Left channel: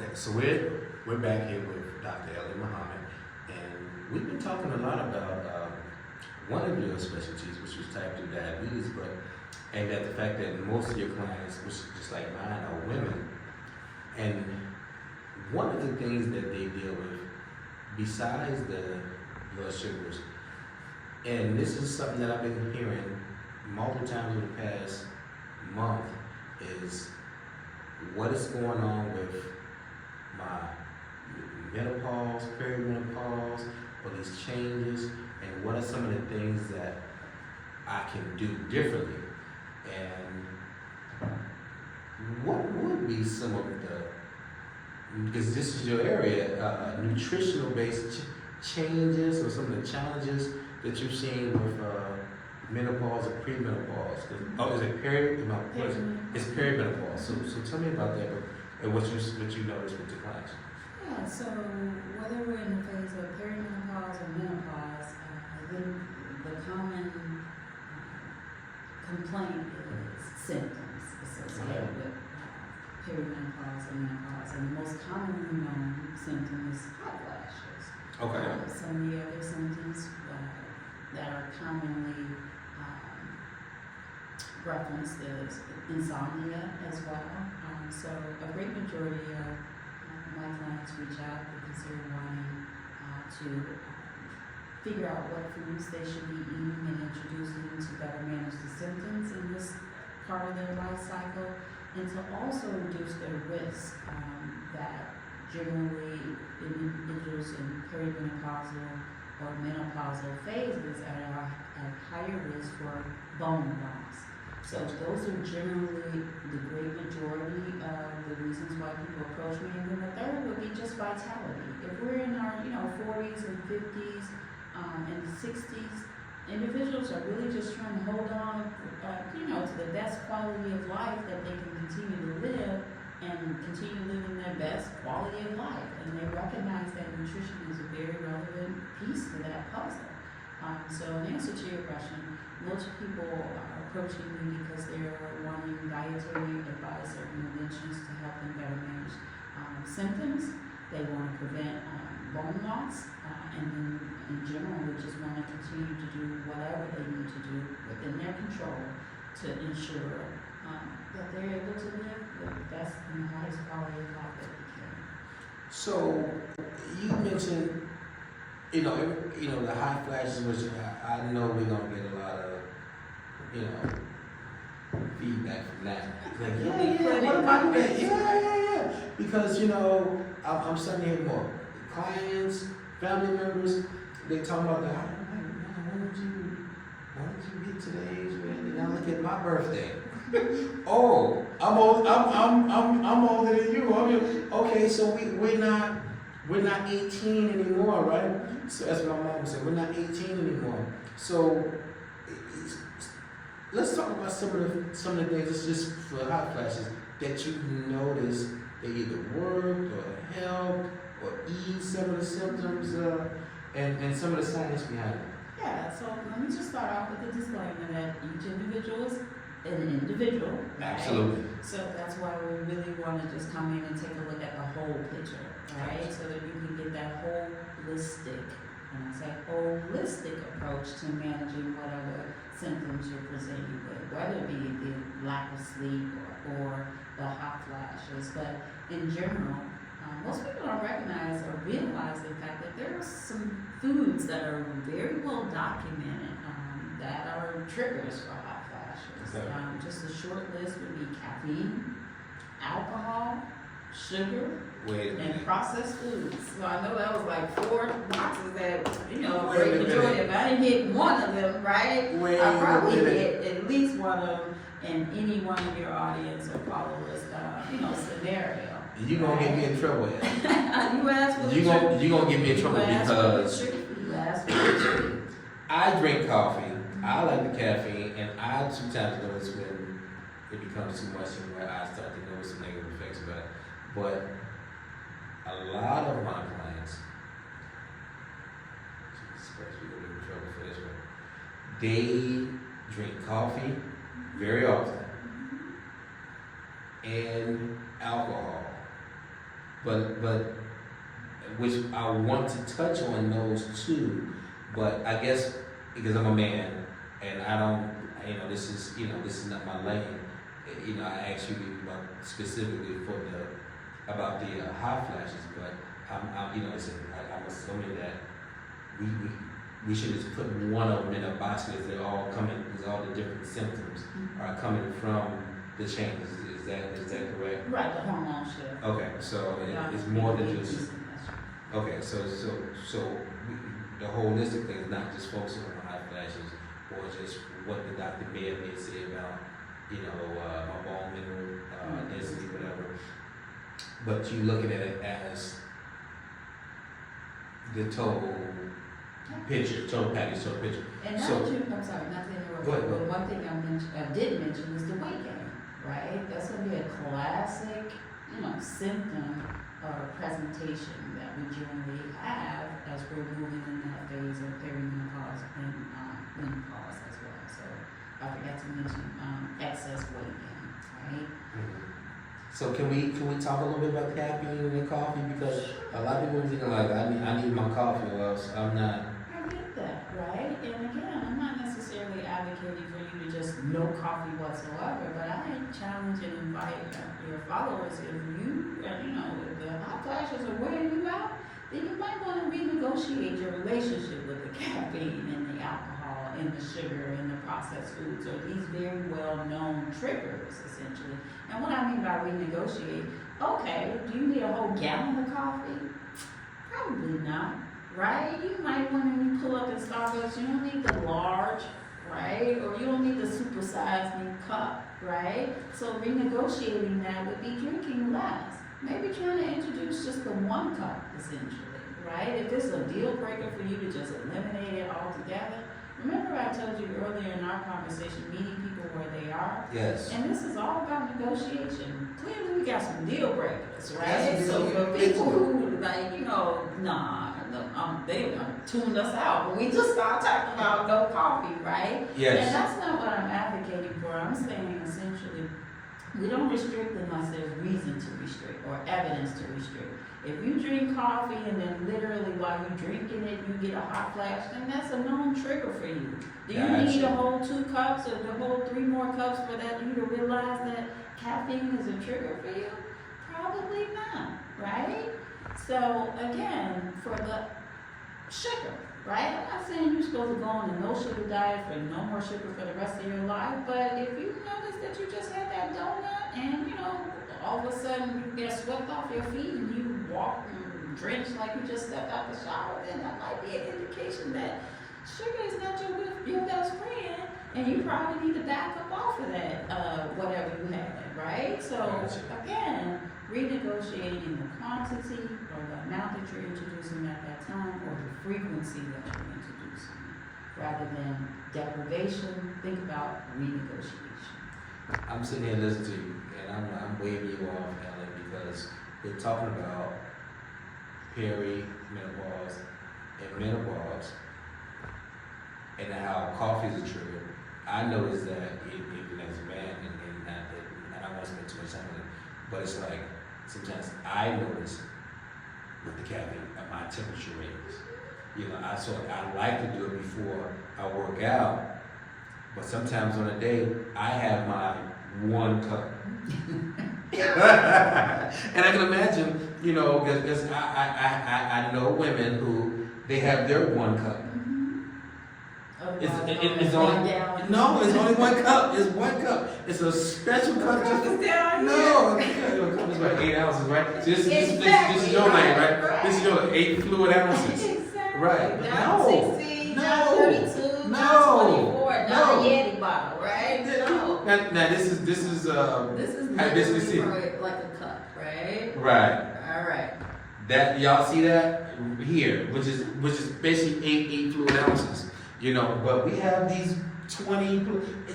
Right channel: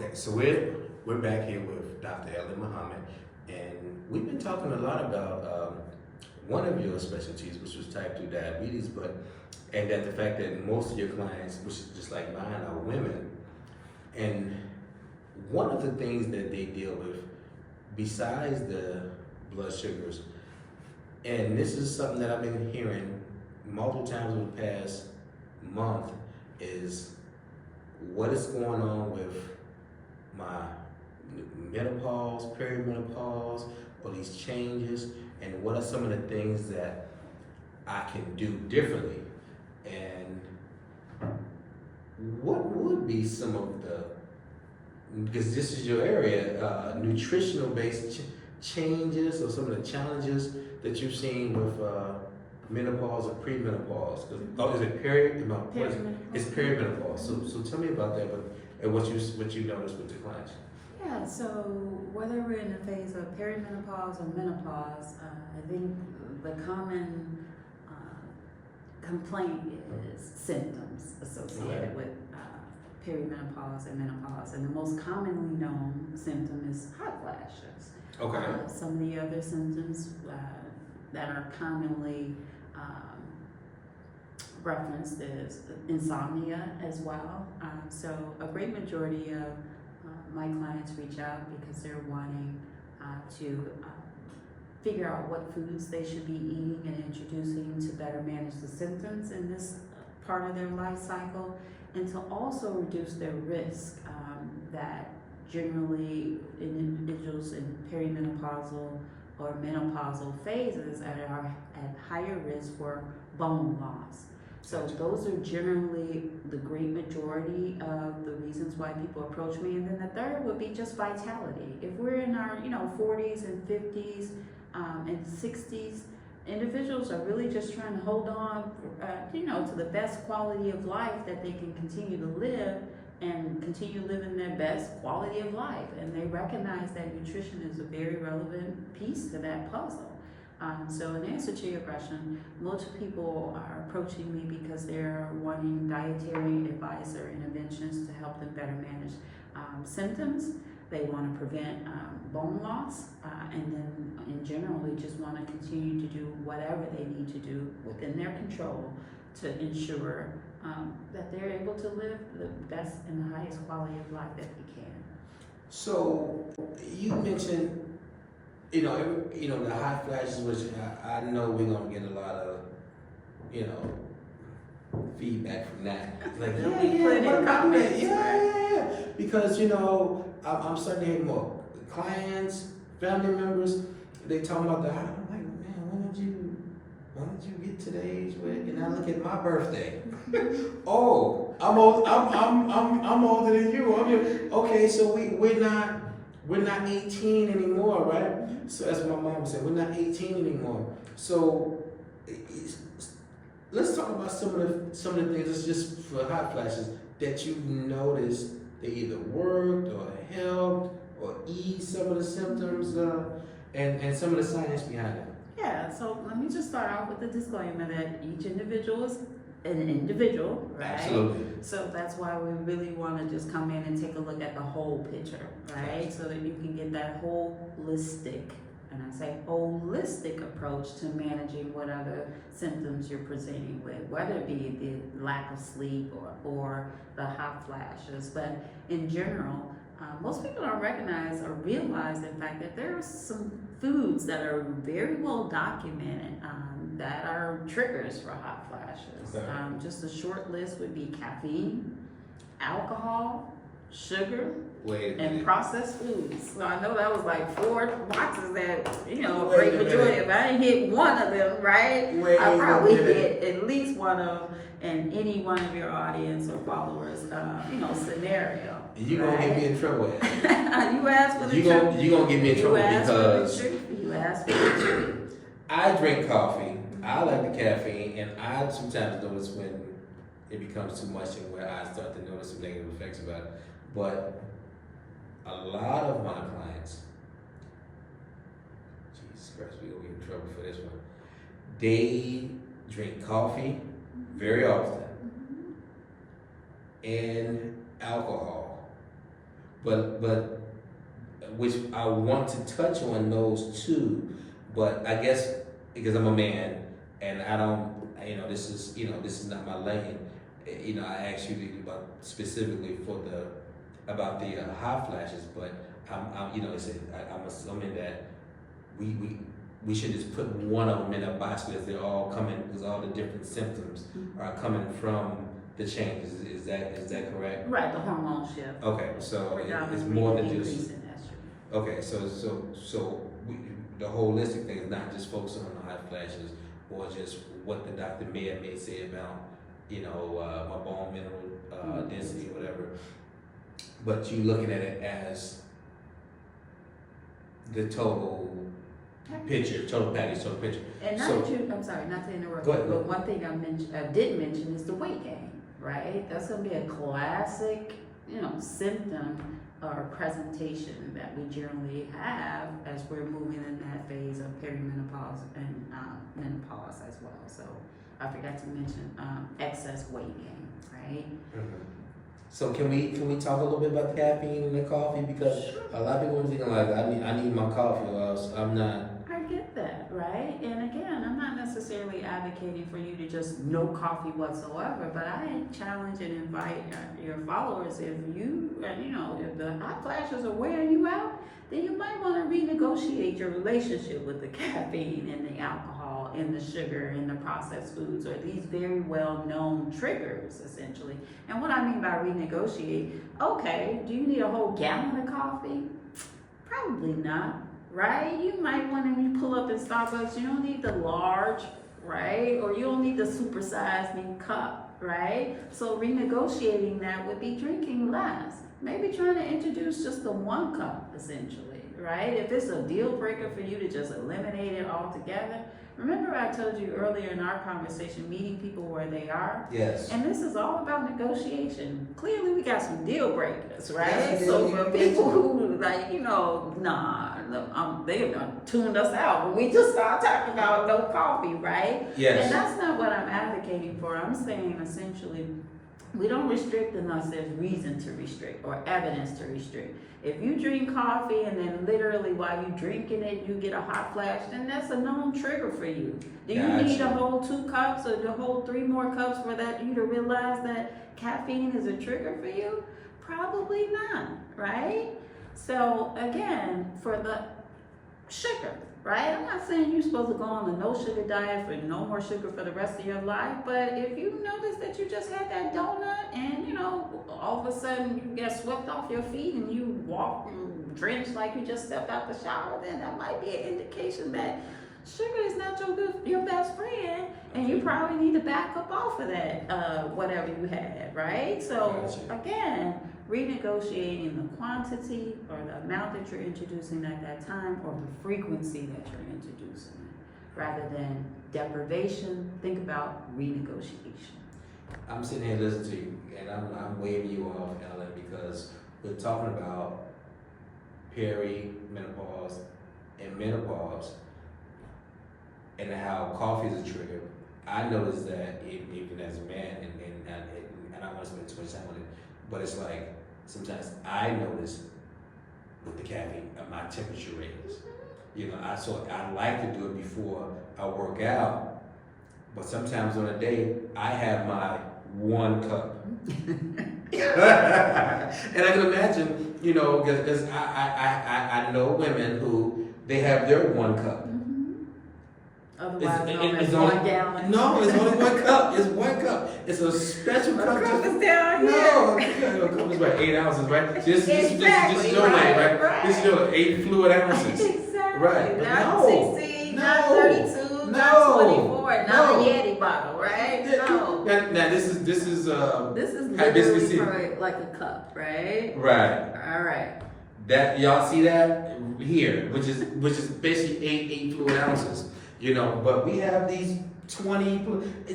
Okay, so we're back here with Dr. Ellie Muhammad, and we've been talking a lot about one of your specialties, which is type 2 diabetes, and that the fact that most of your clients, which is just like mine, are women, and one of the things that they deal with, besides the blood sugars, and this is something that I've been hearing multiple times in the past month, is what is going on with my menopause, perimenopause, or these changes, and what are some of the things that I can do differently, and what would be some of the, because this is your area, nutritional based changes, or some of the challenges that you've seen with menopause or premenopause. Oh, is it it's perimenopause. So tell me about that, and what you noticed with your clients. Yeah, so whether we're in the phase of perimenopause or menopause, I think the common complaint is symptoms associated with perimenopause and menopause, and the most commonly known symptom is hot flashes. Okay. Some of the other symptoms that are commonly referenced is insomnia as well. So a great majority of my clients reach out because they're wanting to figure out what foods they should be eating and introducing to better manage the symptoms in this part of their life cycle, and to also reduce their risk that generally individuals in perimenopausal or menopausal phases are at higher risk for bone loss. So those are generally the great majority of the reasons why people approach me. And then the third would be just vitality. If we're in our 40s and 50s and 60s, individuals are really just trying to hold on to the best quality of life that they can continue to live and continue living their best quality of life. And they recognize that nutrition is a very relevant piece to that puzzle. So in answer to your question, most people are approaching me because they're wanting dietary advice or interventions to help them better manage symptoms. They want to prevent bone loss, and then in general, we just want to continue to do whatever they need to do within their control to ensure that they're able to live the best and the highest quality of life that they can. So you mentioned, the hot flashes, which I know we're gonna get a lot of, feedback from that. Like, what about that? Yeah. Because I'm starting to hear more clients, family members. They talking about the. I'm like, man, when did you get today's weight? And I look at my birthday. Oh, I'm old. I'm older than you. Okay, so we're not 18 anymore, right? So as my mom said, we're not 18 anymore. So let's talk about some of the things. It's just for hot flashes that you noticed they either worked or helped or eased some of the symptoms and some of the science behind it. Yeah. So let me just start off with the disclaimer that each individual is an individual, right? Absolutely. So that's why we really want to just come in and take a look at the whole picture, right? So that you can get that holistic, and I say holistic approach to managing whatever symptoms you're presenting with, whether it be the lack of sleep or the hot flashes. But in general, most people don't recognize or realize, in fact, that there are some foods that are very well documented that are triggers for hot flashes. Okay. Just a short list would be caffeine, alcohol, sugar, and processed foods. So I know that was like 4 boxes that, great majority. If I didn't hit one of them, right, I probably hit at least one of them in any one of your audience or followers, scenario. You're going to get me in trouble. You asked for the truth. You're going to get me in trouble because you asked for the truth. I drink coffee. I like the caffeine, and I sometimes notice when it becomes too much and where I start to notice some negative effects about it. But a lot of my clients, Jesus Christ, we're going to get in trouble for this one. They drink coffee very often and alcohol. but which I want to touch on those two, but I guess because I'm a man and I don't, this is not my lane. I asked you about specifically about the hot flashes, but I'm assuming that we should just put one of them in a box because they're all coming, because all the different symptoms are coming from the changes. Is that correct? Right, the hormone shift. Okay, so it's more than just. Okay, so the holistic thing is not just focusing on hot flashes or just what the doctor may say about, my bone mineral density or whatever, but you looking at it as the total picture, total package, total picture. And I'm sorry, not to interrupt, go ahead. but one thing I did mention is the weight gain, right? That's going to be a classic, symptom or presentation that we generally have as we're moving in that phase of perimenopause and menopause as well. So I forgot to mention excess weight gain, right? Mm-hmm. So can we talk a little bit about caffeine in the coffee, because a lot of people are thinking like I need my coffee or else I'm not. I get that, right? And again, I'm not necessarily advocating for you to just no coffee whatsoever, but I challenge and invite your followers, if if the hot flashes are wearing you out, then you might want to renegotiate your relationship with the caffeine and the alcohol and the sugar and the processed foods, or these very well-known triggers, essentially. And what I mean by renegotiate, okay, do you need a whole gallon of coffee? Probably not, right? You might want to, when you pull up at Starbucks, you don't need the large, right? Or you don't need the supersized cup, right? So renegotiating that would be drinking less. Maybe trying to introduce just the 1 cup, essentially, right? If it's a deal breaker for you to just eliminate it altogether. Remember I told you earlier in our conversation, meeting people where they are? Yes. And this is all about negotiation. Clearly we got some deal breakers, right? Yes, So for people who they've done tuned us out when we just start talking about no coffee, right? Yes. And that's not what I'm advocating for. I'm saying essentially, we don't restrict unless there's reason to restrict or evidence to restrict. If you drink coffee and then literally while you're drinking it, you get a hot flash, then that's a known trigger for you. Do you need a whole 2 cups or the whole 3 more cups for you to realize that caffeine is a trigger for you? Probably not, right? So again, for the sugar, right? I'm not saying you're supposed to go on a no sugar diet for no more sugar for the rest of your life, but if you notice that you just had that donut and all of a sudden you get swept off your feet and you walk and drenched like you just stepped out the shower, then that might be an indication that sugar is not your best friend, and you probably need to back up off of that, whatever you had, right? So again, renegotiating the quantity or the amount that you're introducing at that time, or the frequency that you're introducing, rather than deprivation. Think about renegotiation. I'm sitting here listening to you, and I'm waving you off, Ellen, because we're talking about perimenopause and menopause, and how coffee is a trigger. I noticed that even as a man, and I don't want to spend too much time on it, but it's like sometimes I notice with the caffeine my temperature ratings. I like to do it before I work out, but sometimes on a day I have my 1 cup. And I can imagine, because I know women who they have their 1 cup. It's only 1 gallon. No, it's only 1 cup. It's 1 cup. It's a special cup. Cup is down here. No, the cup is about 8 ounces, right? This is your name, right? This is your 8 fluid ounces. Exactly. Right. Not 16, not 32, not 24, not a Yeti bottle, right? No. Now this is literally for like a cup, right? Right. All right. That y'all see that here, which is basically 8 fluid ounces. But we have these 20.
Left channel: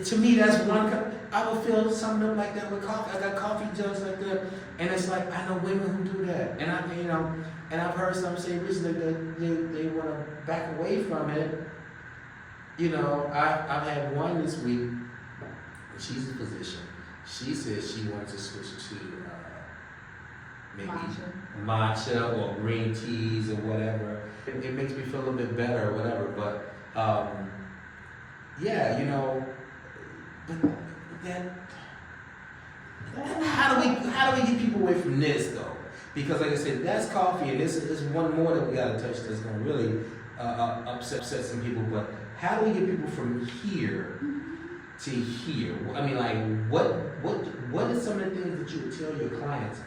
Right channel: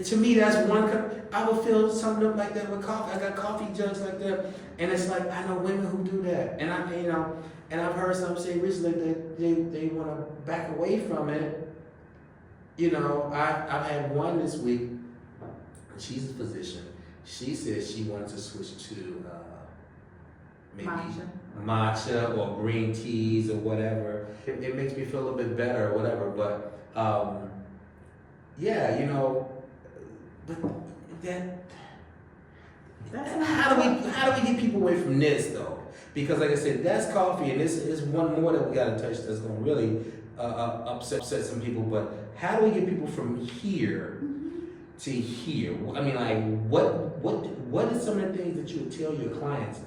To me, that's 1 cup. I would feel something up like that with coffee. I got coffee jugs like that, and it's like I know women who do that, and and I've heard some say recently that they want to back away from it. I've had one this week, and she's a physician. She says she wants to switch to maybe Matcha. matcha or green teas or whatever. It makes me feel a little bit better or whatever. But yeah, you know, but then how do we get people away from this though? Because like I said, that's coffee, and this is one more that we gotta touch that's gonna really upset some people. But how do we get people from here to here? I mean, like, what is some of the things that you would tell your clients?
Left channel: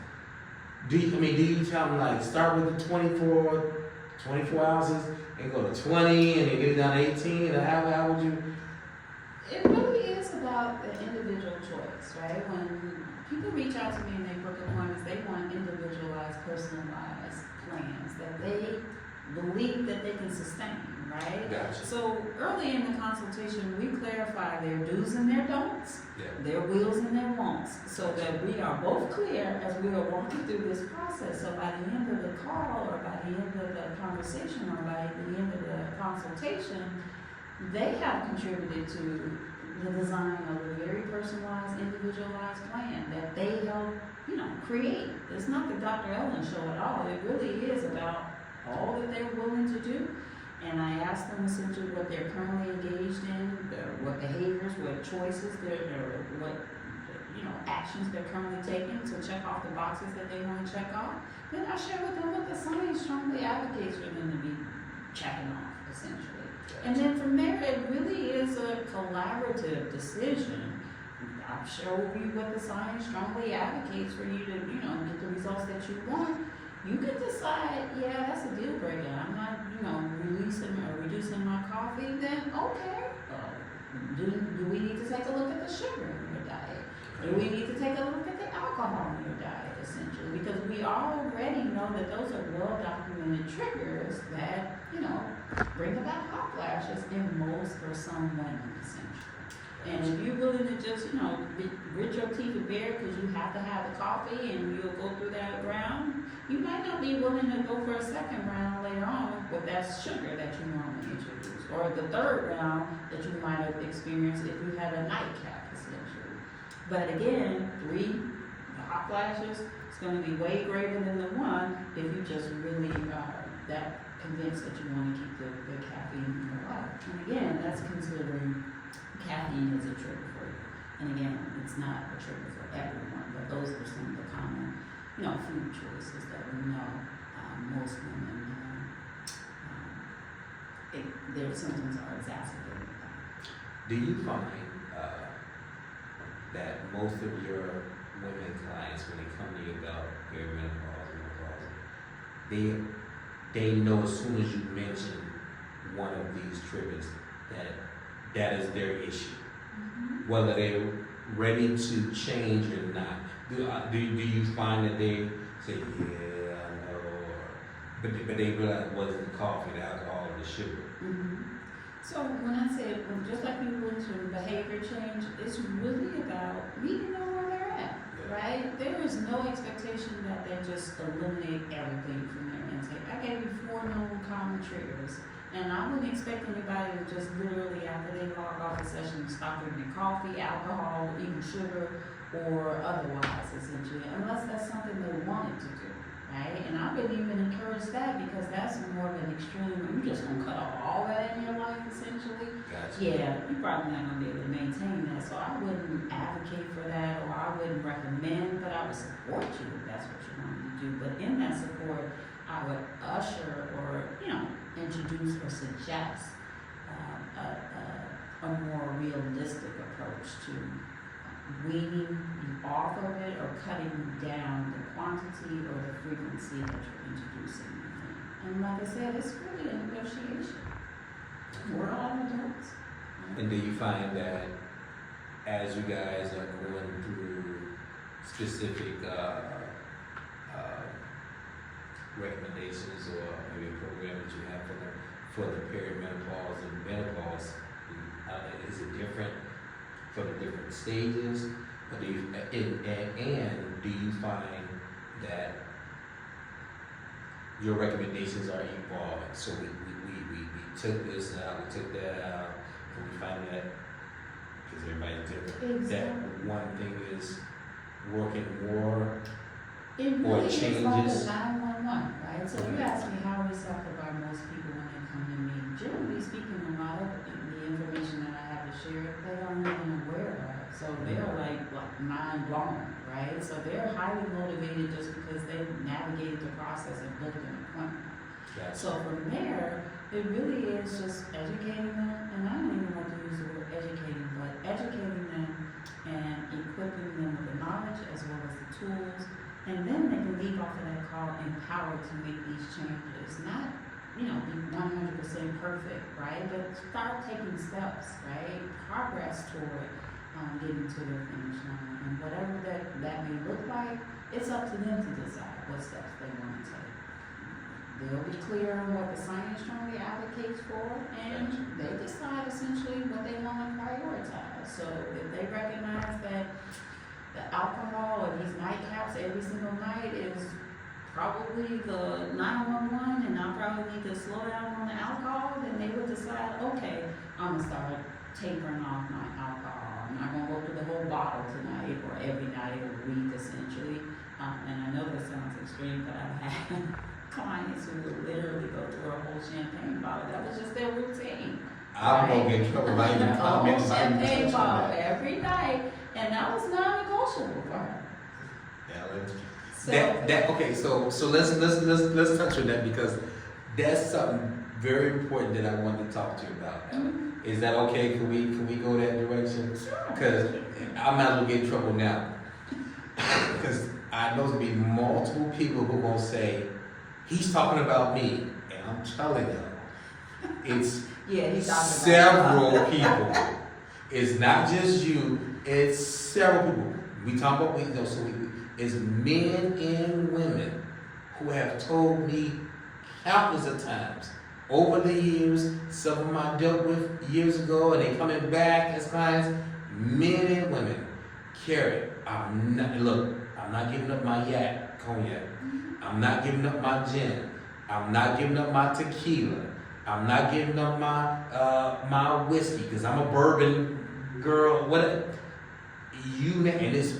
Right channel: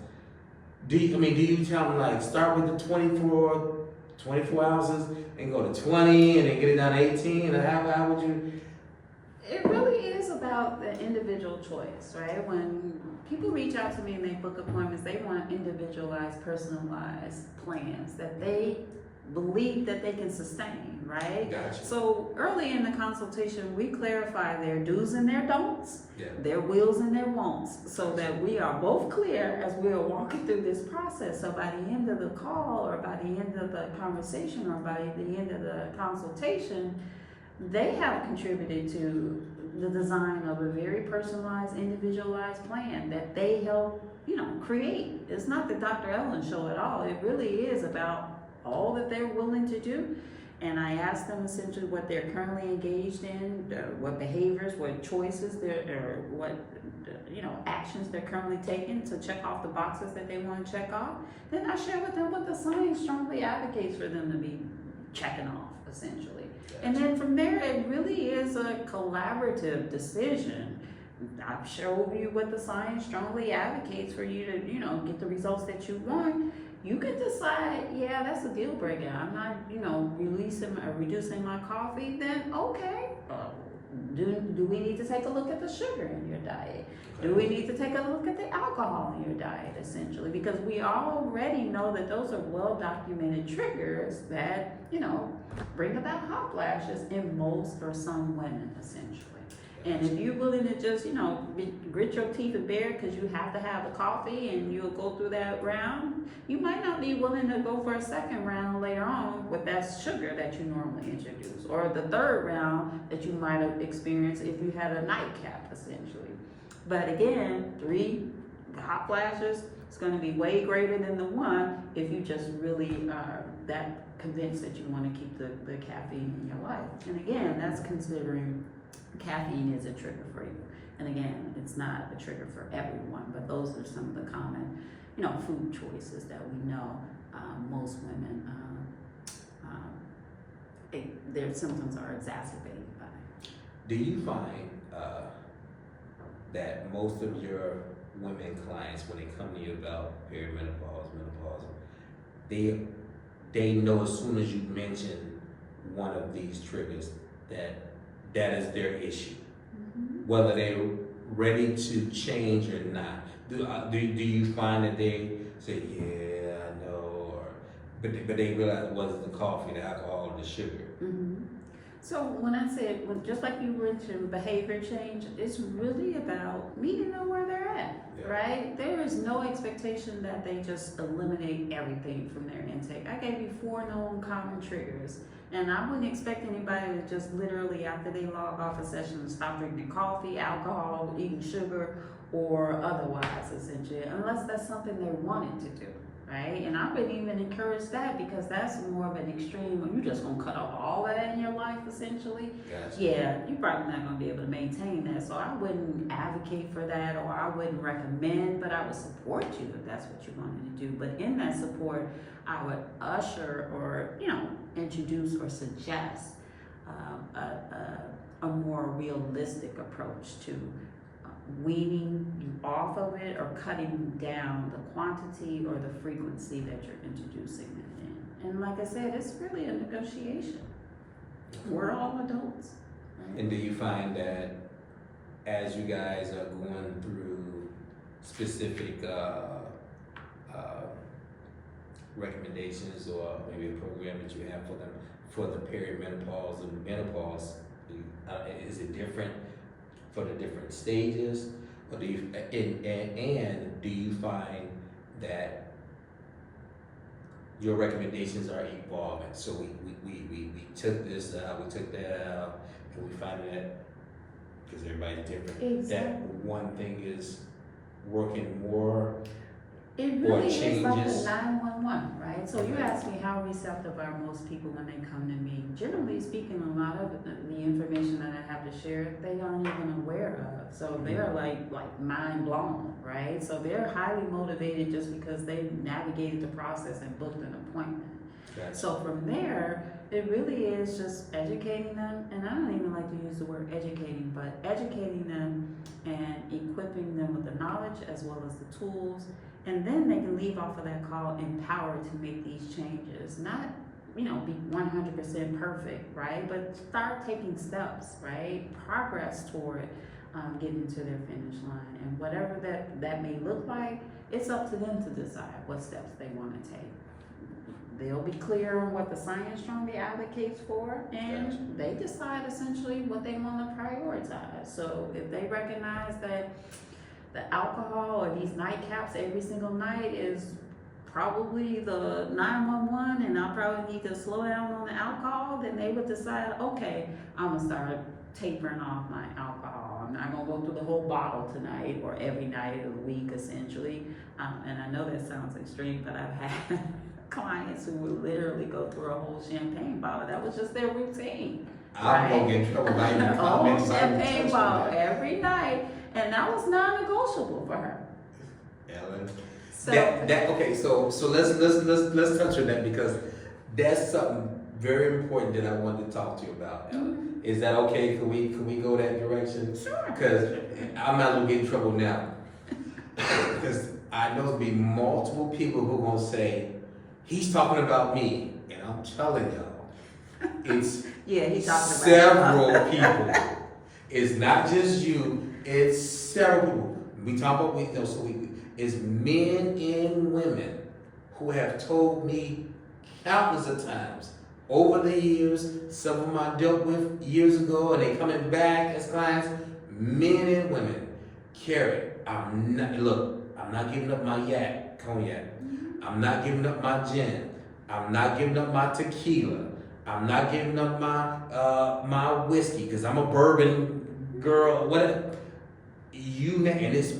Do you tell them like start with the 24 ounces and go to 20 and then get it down to 18? Or how would you? It really is about the individual choice, right? When people reach out to me and they book appointments, they want individualized, personalized plans that they believe that they can sustain, right? Gotcha. So early in the consultation, we clarify their do's and their don'ts, their wills and their wants, so that we are both clear as we are walking through this process. So by the end of the call, or by the end of the conversation, or by the end of the consultation, they have contributed to the design of a very personalized, individualized plan that they help, create. It's not the Dr. Ellen show at all. It really is about all that they're willing to do. And I ask them essentially what they're currently engaged in, what behaviors, what choices, or what actions they're currently taking to check off the boxes that they want to check off. Then I share with them what the science strongly advocates for them to be checking off, essentially. And then from there, it really is a collaborative decision. I'm sure with you what the science strongly advocates for you to, get the results that you want. You could decide, yeah, that's a deal breaker. I'm not, releasing or reducing my coffee. Then okay, do we need to take a look at the sugar in your diet? Do we need to take a look at the alcohol in your diet, essentially? Because we already know that those are well-documented triggers that, bring about hot flashes in most or some women, essentially. And if you're willing to just, grit your teeth and bear it because you have to have the coffee and you'll go through that round, you might not be willing to go for a second round later on with that sugar that you normally introduce, or the third round that you might have experienced if you had a nightcap, essentially. But again, the hot flashes, it's going to be way greater than the one if you just really are that convinced that you want to keep the caffeine in your life. And again, that's considering caffeine is a trigger for you. And again, it's not a trigger for everyone, but those are some of the common, food choices that we know most women, their symptoms are exacerbated by. Do you find that most of your women clients, when they come to you about perimenopause, menopause, they know as soon as you mention one of these triggers that is their issue, whether they're ready to change or not? Do you find that they say, yeah, I know, but they realize it wasn't the coffee, the alcohol, or the sugar? So when I said, just like you mentioned, behavior change, it's really about meeting them where they're at, right? There is no expectation that they just eliminate everything from their intake. I gave you 4 known common triggers, and I wouldn't expect anybody to just literally, after they log off a session, stop drinking coffee, alcohol, eating sugar, or otherwise, essentially, unless that's something they wanted to do. Right? And I wouldn't even encourage that, because that's more of an extreme when you're just gonna cut off all that in your life, essentially. Gotcha. Yeah, you're probably not gonna be able to maintain that. So I wouldn't advocate for that, or I wouldn't recommend, but I would support you if that's what you wanted to do. But in that support, I would usher or, introduce or suggest a more realistic approach to weaning you off of it or cutting down the quantity or the frequency that you're introducing it in. And like I said, it's really a negotiation. We're all adults. Right? And do you find that as you guys are going through specific recommendations or maybe a program that you have for the perimenopause and menopause, is it different for the different stages? Or do you, and do you find that your recommendations are evolving? So we took this out, we took that out, and we found that, because everybody's different, Exactly. that one thing is working more It or really is like the changes? 911, right? So you ask me how receptive are most people when they come to me. Generally speaking, a lot of the information that I have to share, they aren't even aware of. So they're like mind blown, right? So they're highly motivated just because they navigated the process and booked an appointment. Gotcha. So from there, it really is just educating them, and I don't even like to use the word educating, but educating them and equipping them with the knowledge as well as the tools, and then they can leave off of that call empowered to make these changes. Not, be 100% perfect, right? But start taking steps, right? Progress toward getting to their finish line, and whatever that may look like, it's up to them to decide what steps they want to take. They'll be clear on what the science strongly advocates for, and they decide essentially what they want to prioritize. So if they recognize that the alcohol or these nightcaps every single night is probably the 911 and I probably need to slow down on the alcohol, then they would decide, okay, I'm going to start tapering off my alcohol. I'm not going to go through the whole bottle tonight or every night of the week essentially. And I know that sounds extreme, but I've had clients who would literally go through a whole champagne bottle. That was just their routine. I'm gonna get in trouble if I even A whole comment, if I even champagne touch on bottle that. every night, and that was non-negotiable for her. Ellen. So Okay, so let's touch on that, because that's something very important that I wanted to talk to you about. Mhm. Is that okay? Can we go that direction? Sure. Because I'm not gonna get in trouble now. Because I know there'll be multiple people who gonna say, he's talking about me, and I'm telling y'all, it's Yeah, he's talking several about people. It's not just you, it's several people. We talk about, it's men and women who have told me countless of times over the years. Some of them I dealt with years ago, and they coming back as clients. Men and women, Carrie, I'm not giving up my cognac. I'm not giving up my gin. I'm not giving up my tequila. I'm not giving up my whiskey, because I'm a bourbon girl. Whatever. And it's,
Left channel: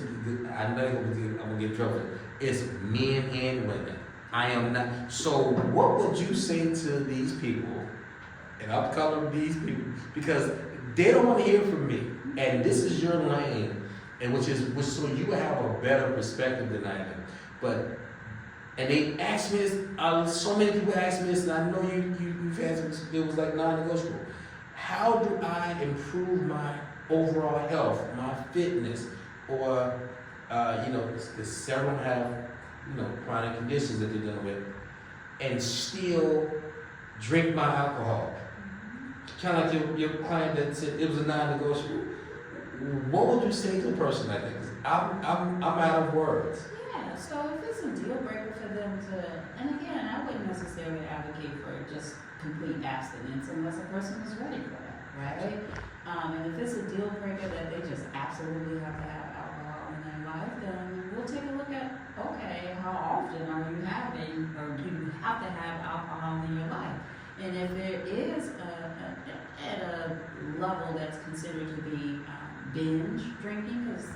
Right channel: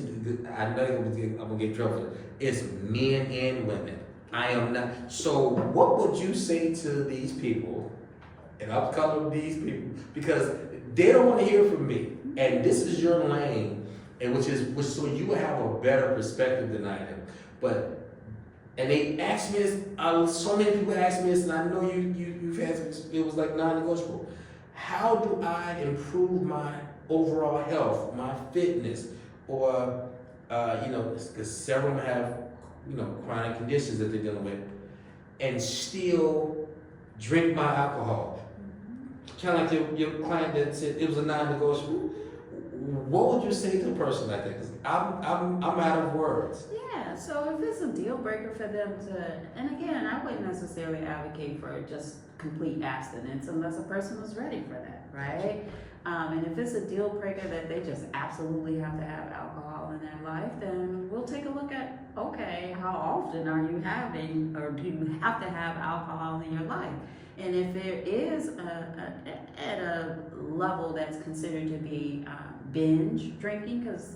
I know I'm gonna get in trouble. It's men and women. I am not. So what would you say to these people, and I'll cover these people, because they don't want to hear from me, and this is your lane, and which so you have a better perspective than I am. And they asked me this, so many people asked me this, and I know you've had some, it was like non-negotiable. How do I improve my overall health, my fitness, or, because several have, chronic conditions that they're dealing with, and still drink my alcohol? Kind of like your client that said it was a non-negotiable. What would you say to a person like that? 'Cause I'm out of words. Yeah, so if it's a deal breaker for them and again, I wouldn't necessarily advocate for just complete abstinence unless a person was ready for that, right? And if it's a deal breaker that they just absolutely have to have alcohol in their life, then we'll take a look at, okay, how often are you having, or do you have to have alcohol in your life? And if there is at a level that's considered to be binge drinking, because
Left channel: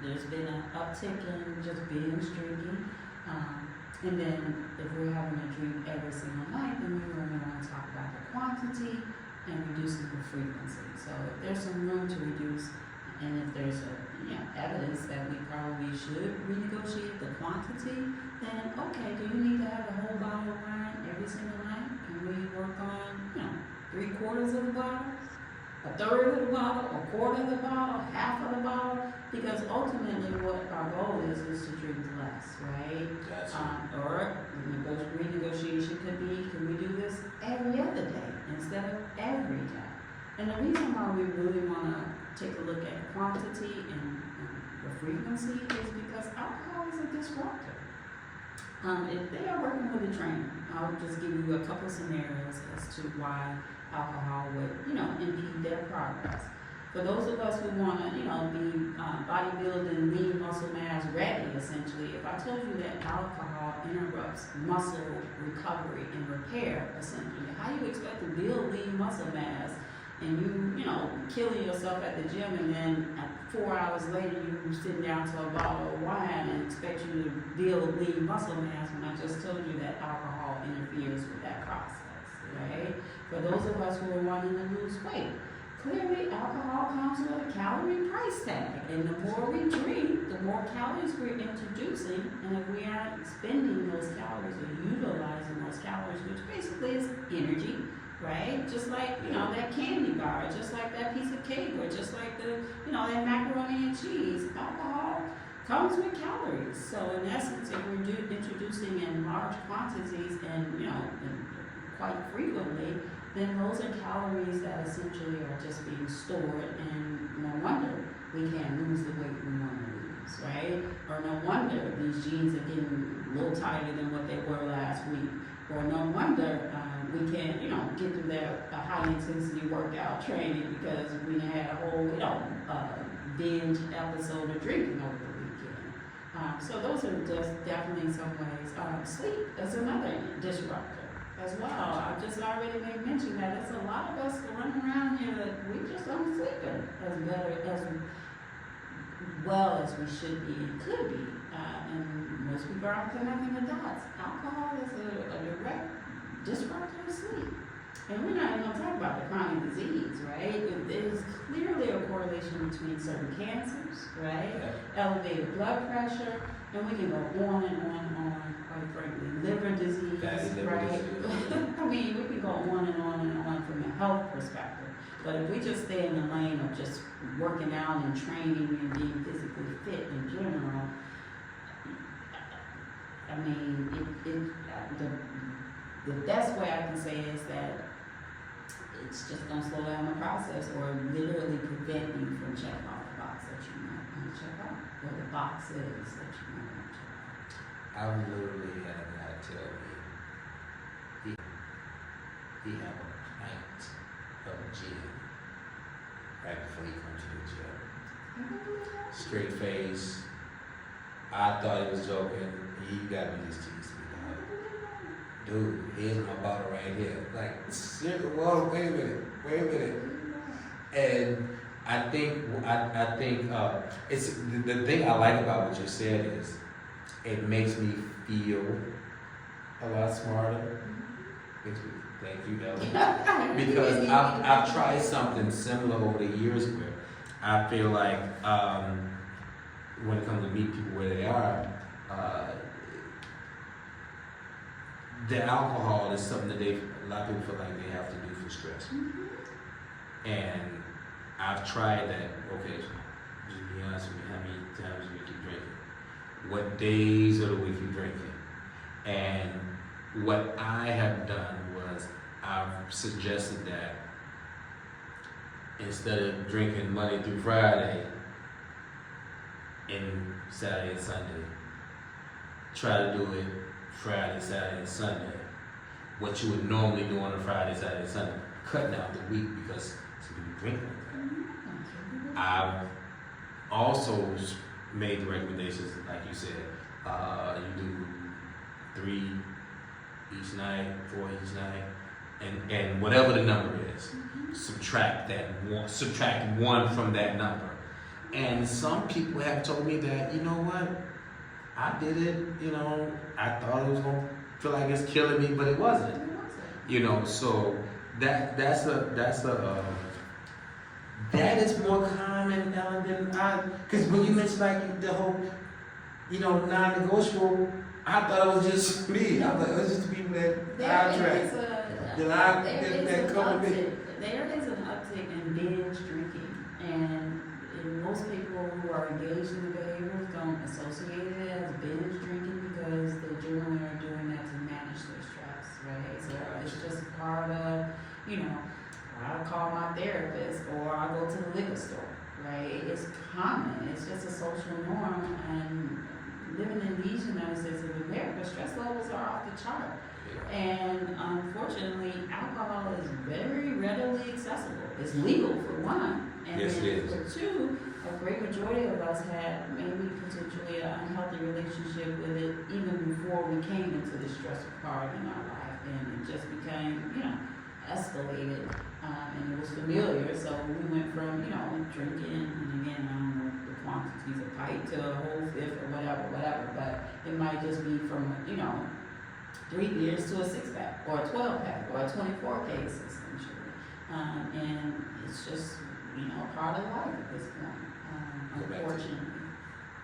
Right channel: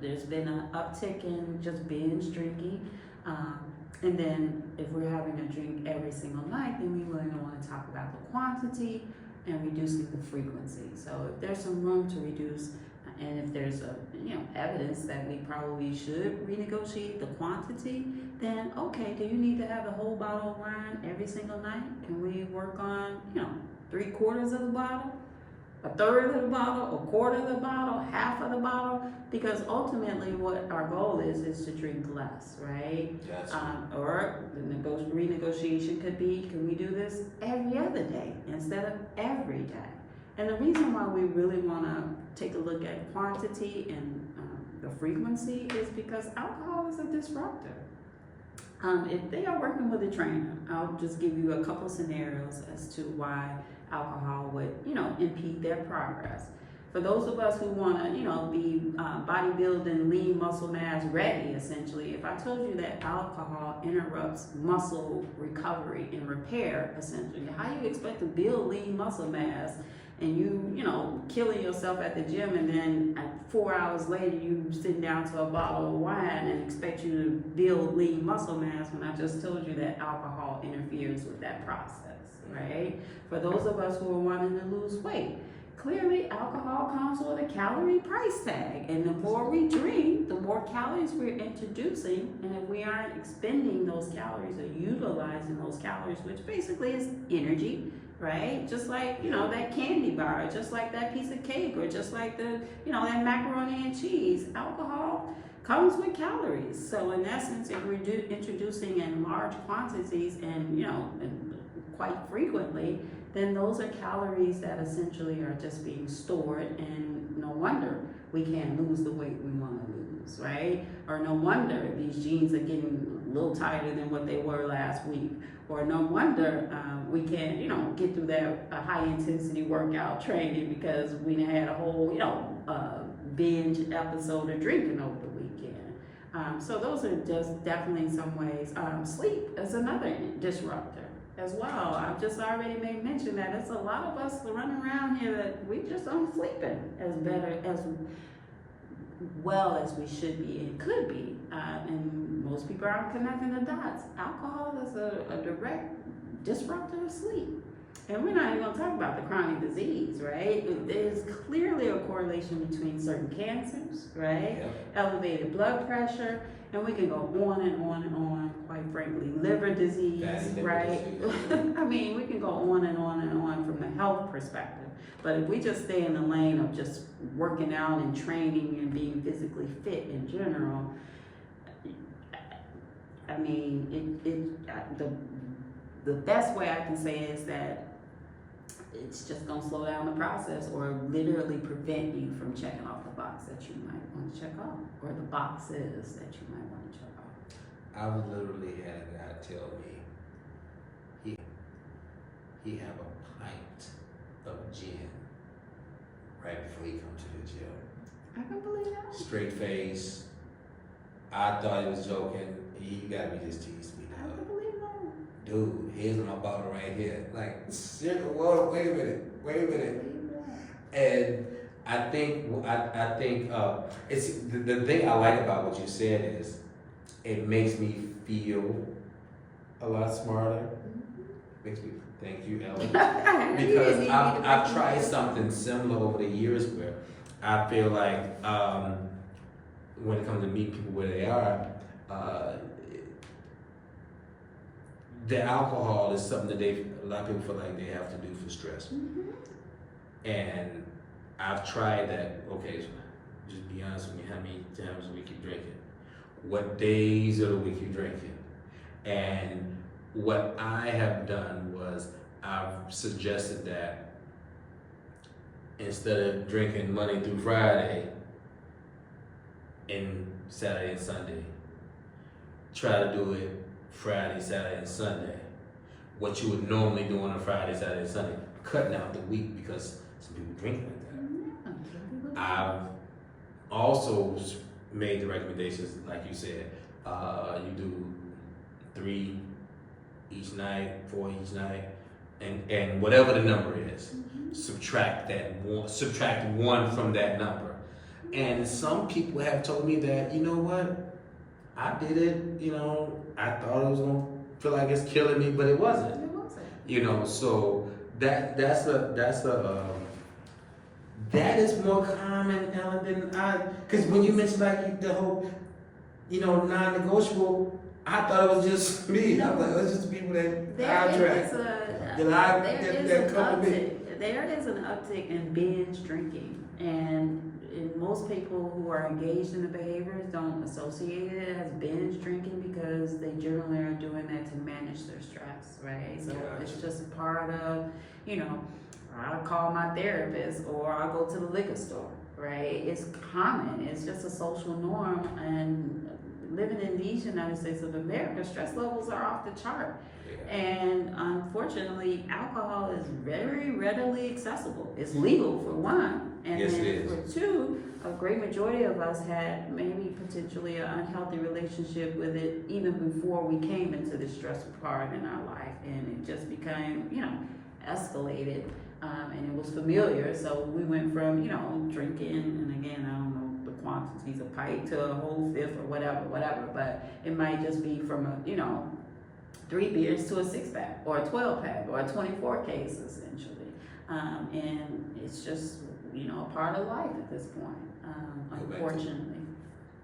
there's been an uptick in just binge drinking, and then if we're having to drink every single night, then we really want to talk about the quantity and reducing the frequency. So if there's some room to reduce, and if there's evidence that we probably should renegotiate the quantity, then okay, do you need to have a whole bottle of wine every single night? Can we work on 3/4 of the bottle, a third of the bottle, a quarter of the bottle, half of the bottle? Because ultimately what our goal is to drink less, right? Or renegotiation could be, can we do this every other day instead of every day? And the reason why we really want to take a look at quantity and the frequency is because alcohol is a disruptor. If they are working with a trainer, I'll just give you a couple scenarios as to why alcohol would, impede their progress. For those of us who want to, be bodybuilding, lean muscle mass ready, essentially, if I told you that alcohol interrupts muscle recovery and repair, essentially, how you expect to build lean muscle mass and you know, killing yourself at the gym, and then 4 hours later you sitting down to a bottle of wine and expect you to build lean muscle mass when I just told you that alcohol interferes with that process, right? For those of us who are wanting to lose weight, clearly alcohol comes with a calorie price tag, and the more we drink, the more calories we're introducing, and if we aren't expending those calories or utilizing those calories, which basically is energy, right? Just like, you know, that candy bar, just like that piece of cake, or just like the, you know, that macaroni and cheese, alcohol comes with calories. So in essence, if we're introducing in large quantities and, you know, and quite frequently, then those are calories that essentially are just being stored, and no wonder we can't lose the weight we want to lose, right? Or no wonder these jeans are getting a little tighter than what they were last week. Or no wonder we can't, you know, get through that high intensity workout training because we had a whole, you know, binge episode of drinking over the weekend. So those are just definitely in some ways. Sleep is another disruptor as well. I just already made mention that it's a lot of us that run around here that we just aren't sleeping as better, as well as we should be and could be. And most people aren't connecting the dots. Alcohol is a direct disruptor of sleep. And we're not even going to talk about the chronic disease, right? There's clearly a correlation between certain cancers, right? Elevated blood pressure, and we can go on and on and on, quite frankly, liver disease, right? I mean, we can go on and on and on from a health perspective. But if we just stay in the lane of just working out and training and being physically fit in general, I mean, the best way I can say is that it's just gonna slow down the process, or literally prevent you from checking off the box that you might want to check off, or the boxes that you might want to check off. I literally had a guy tell me he have a pint of gin right before he comes to the gym. I can believe that. Straight face. I thought he was joking. He got me just teased me. I can believe that. Dude, here's my bottle right here. Like, shit, whoa, wait a minute. And I think it's the thing I like about what you said is it makes me feel a lot smarter. Makes me, thank you, Ellen. Because I've tried something similar over the years where I feel like when it comes to meet people where they are, that alcohol is something that a lot of people feel like they have to do for stress. And I've tried that. Okay, just be honest with me, how many times a week you drinking? What days of the week you drinking? And what I have done was I've suggested that instead of drinking Monday through Friday and Saturday and Sunday, try to do it Friday, Saturday, and Sunday. What you would normally do on a Friday, Saturday, and Sunday. Cutting out the week because some people drink like that. I've also made the recommendations, like you said, you do 3 each night, 4 each night, and whatever the number is, subtract one from that number. And some people have told me that, you know what, I did it, you know, I thought it was gonna feel like it's killing me, but it wasn't. You know, so that is more common, Ellen, than because when you mentioned like the whole, you know, non-negotiable, I thought it was just me. I thought it was just people that I attract. That come to me. There is an uptick in binge drinking, and most people who are engaged in the behaviors don't associate it as binge drinking because they generally are doing that to manage their stress, right? So it's just part of, you know, I'll call my therapist or I'll go to the liquor store, right? It's common. It's just a social norm, and living in these United States of America, stress levels are off the chart. And unfortunately, alcohol is very readily accessible. It's legal for one, and yes, then for two, a great majority of us had maybe potentially an unhealthy relationship with it even before we came into this stressful part in our life, and it just became, you know, escalated and it was familiar. So we went from, you know, drinking, and again, I don't know the quantities of pint to a whole fifth or whatever, but it might just be from a, you know, 3 beers to a 6-pack or a 12-pack or a 24 case essentially. And it's just, you know, a part of life at this point, unfortunately.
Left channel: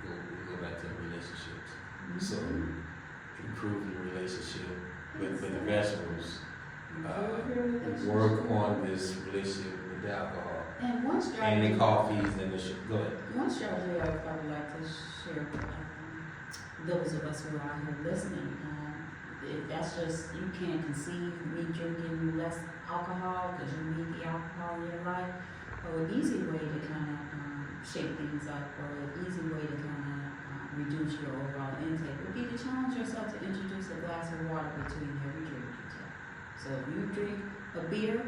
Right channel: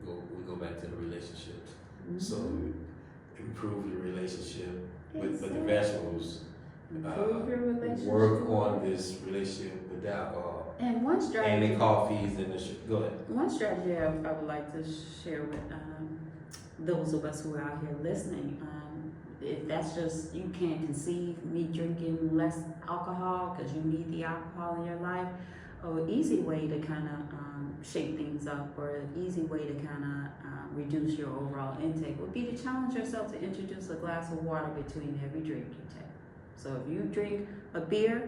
We go back to the relationships. Mm-hmm. So improve your relationship with the vegetables. Improve your relationship. Work on this relationship with the alcohol. And one And strategy. the coffees and the go ahead. One strategy I would like to share with those of us who are out here listening. If that's just, you can't conceive me drinking less alcohol because you need the alcohol in your life, an easy way to kind of shake things up, or an easy way to kind of reduce your overall intake would be to challenge yourself to introduce a glass of water between every drink you take. So if you drink a beer,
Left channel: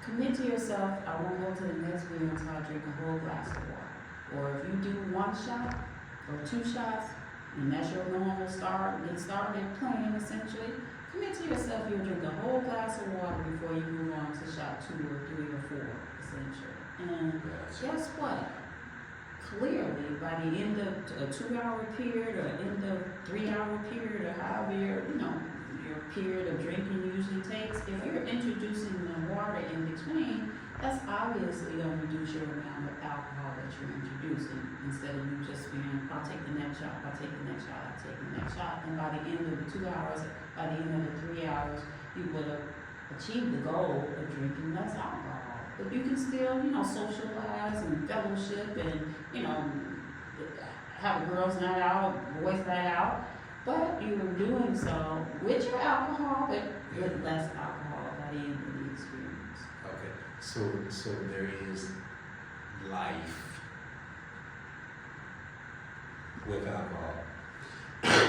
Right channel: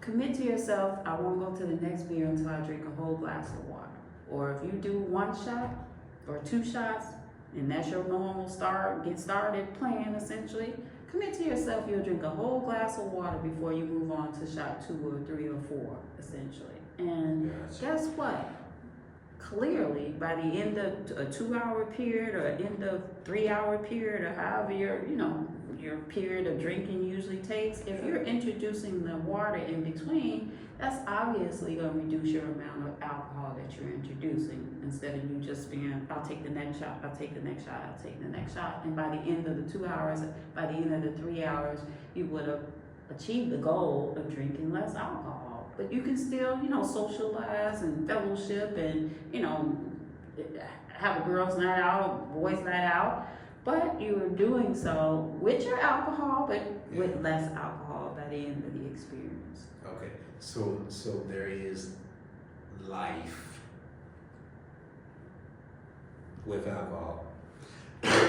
commit to yourself, I won't go to the next beer until I drink a whole glass of water. Or if you do 1 shot or 2 shots, and that's your normal get started plan essentially, commit to yourself you'll drink a whole glass of water before you move on to shot 2 or 3 or 4 essentially. And guess what? Clearly, by the end of a 2-hour period or end of 3-hour period or however your period of drinking usually takes, if you're introducing the water in between, that's obviously going to reduce your amount of alcohol that you're introducing, instead of you just being, I'll take the next shot, I'll take the next shot, I'll take the next shot. And by the end of the 2 hours, by the end of the 3 hours, you would have achieved the goal of drinking less alcohol. But you can still, you know, socialize and fellowship and, you know, have a girls' night out, boys' night out. But you are doing so with your alcohol, but with less alcohol by the end of the experience. Okay, so there is life with alcohol,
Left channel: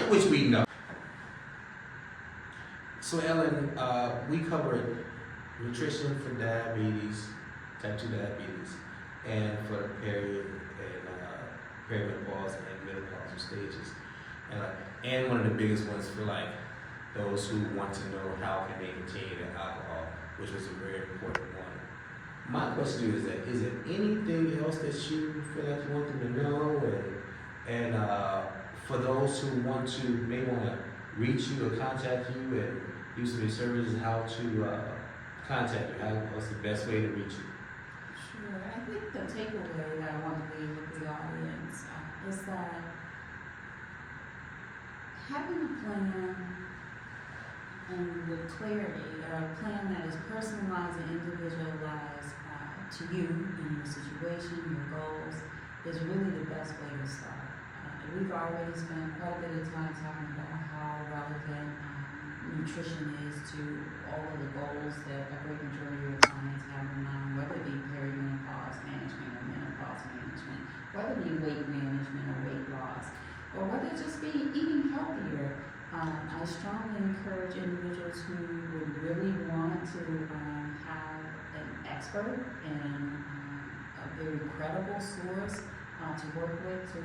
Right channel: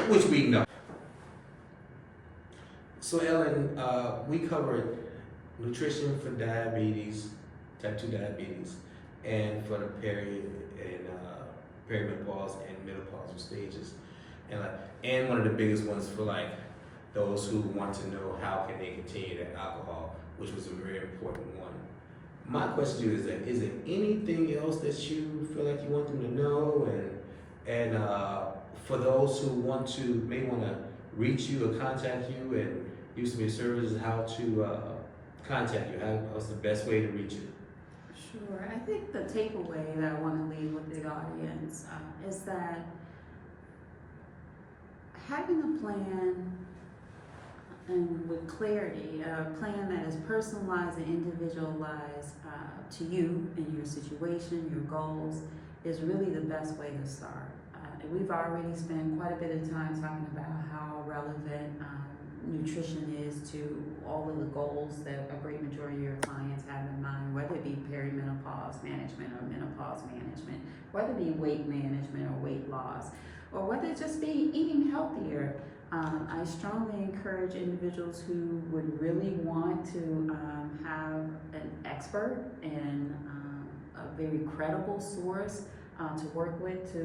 which we know. So Ellen, we covered nutrition for diabetes, type 2 diabetes, and for the period and perimenopause and menopausal stages, and one of the biggest ones for like those who want to know how can they continue their alcohol, which was a very important one. My question to you is there anything else that you feel like you want them to know, and for those who want to reach you or contact you and use some of your services, how to contact you? What's the best way to reach you? Sure. I think the takeaway that I want to leave with the audience is that having a plan and with clarity, a plan that is personalized and individualized to you and your situation, your goals, is really the best way to start. We've already spent quite a bit of time talking about how relevant nutrition is to all of the goals that a great majority of your clients have in mind, whether it be perimenopause management or menopause management, whether it be weight management or weight loss, or whether it just be eating healthier. I strongly encourage individuals who would really want to have an expert and a very credible source to work with to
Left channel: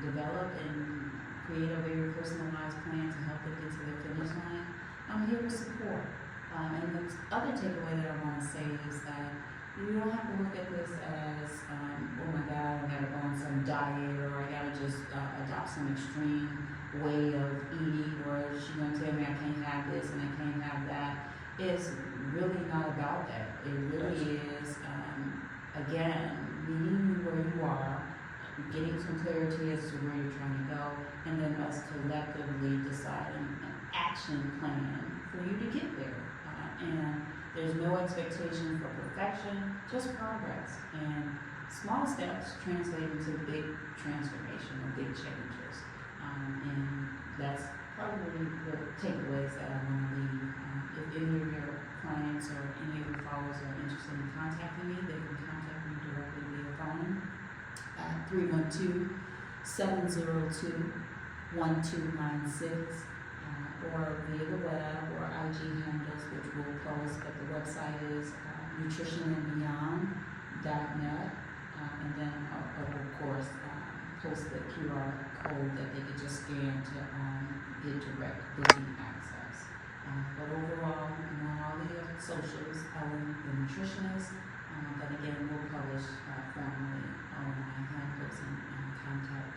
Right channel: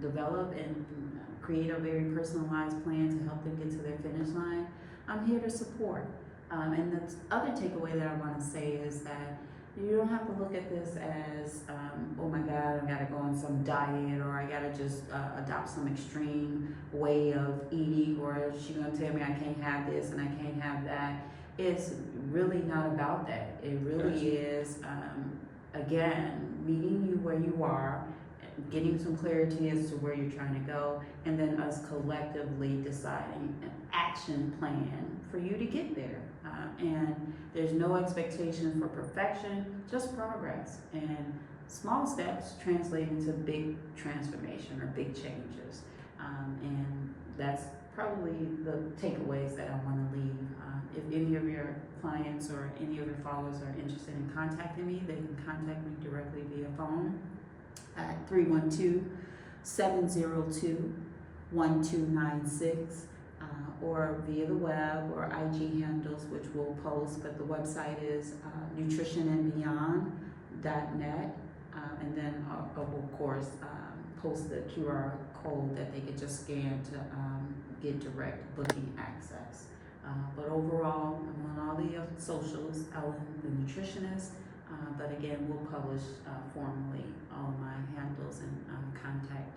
develop and create a very personalized plan to help them get to their finish line. I'm here to support. And the other takeaway that I want to say is that you don't have to look at this as, oh my God, I gotta go on some diet, or I gotta just adopt some extreme way of eating, or she's gonna tell me I can't have this and I can't have that. It's really not about that. It really is, again, meeting you where you are, getting some clarity as to where you're trying to go, and then us collectively deciding an action plan for you to get there. And there's no expectation for perfection, just progress. And small steps translate into big transformation or big changes. And that's probably the takeaways that I want to leave. If any of your clients or any of your followers are interested in contacting me, they can contact me directly via phone at 312-702-1296. Or via the web or IG handles, which we'll post, but the website is nutritionandbeyond.net, and then of course post the QR code that they could just scan to get direct booking access. But overall, I'm on all the socials, I'm the nutritionist, but again, we'll publish formally all of my handles and contact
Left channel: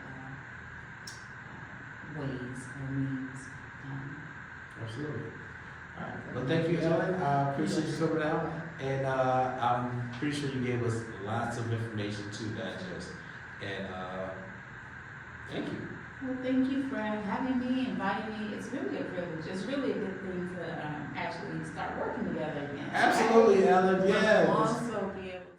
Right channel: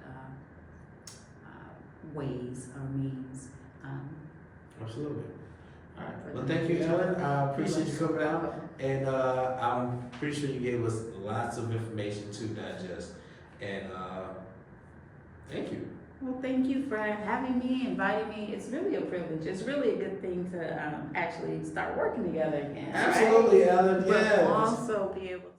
ways or means. Absolutely. All right. Well, thank you, Ellen. I appreciate you coming out, and I'm pretty sure you gave us lots of information to digest. And thank you. Well, thank you for having me, inviting me. It's really a privilege. It's really a good thing to actually start working together again. Absolutely, right? Ellen. But Yes. also be able